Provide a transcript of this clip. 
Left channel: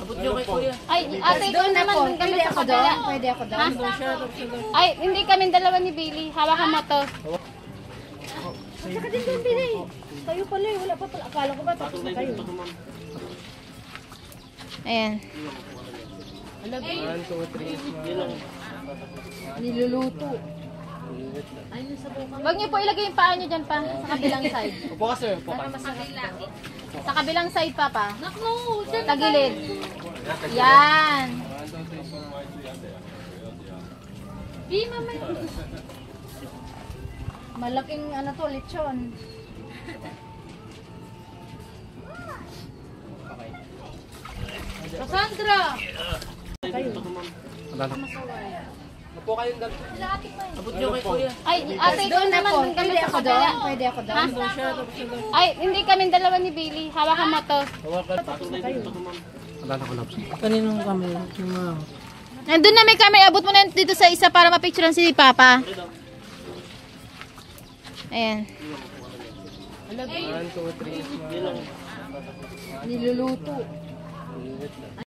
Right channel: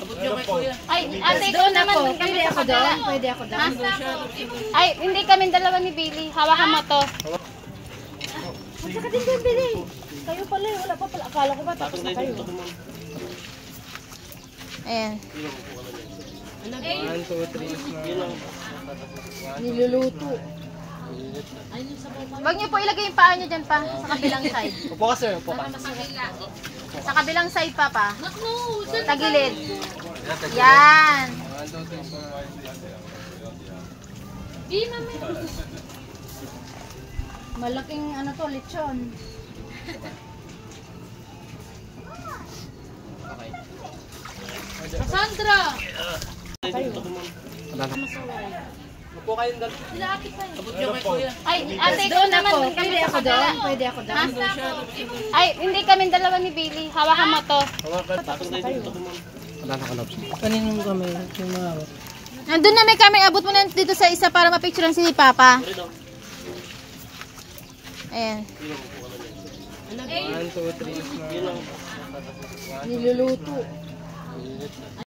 Abot nyo kay kuya. Ay, ate, ikaw naman dun kami sa kabila. Pwede ako doon. Ay, hindi kami dalawa ni Billy. Hawakan mo to. Saka din doon, Billy. Kayo pala, wala pa pala. Akala ko ba tapos na kayo. Ayan. 1, 2, 3. Niluluto. Huwag niyo po ilagay yung paa niyo dyan pa. Sa kabilang side. Upo ka sir, upo ka. Sa kabilang side pa pa. Tagilid. Yan. Malaking ano to, lechon. Cassandra! Upo kayong dal. Abot nyo kay kuya. Ay, ate, ikaw naman dun kami sa kabila. Pwede ako doon. Ay, hindi kami dalawa ni Billy. Hawakan mo to. Kaninong kami, yung mga Nandun na may camera. Abot mo na dito sa isa para mapicturean si Papa. Ayan. 1, 2, 3. Niluluto.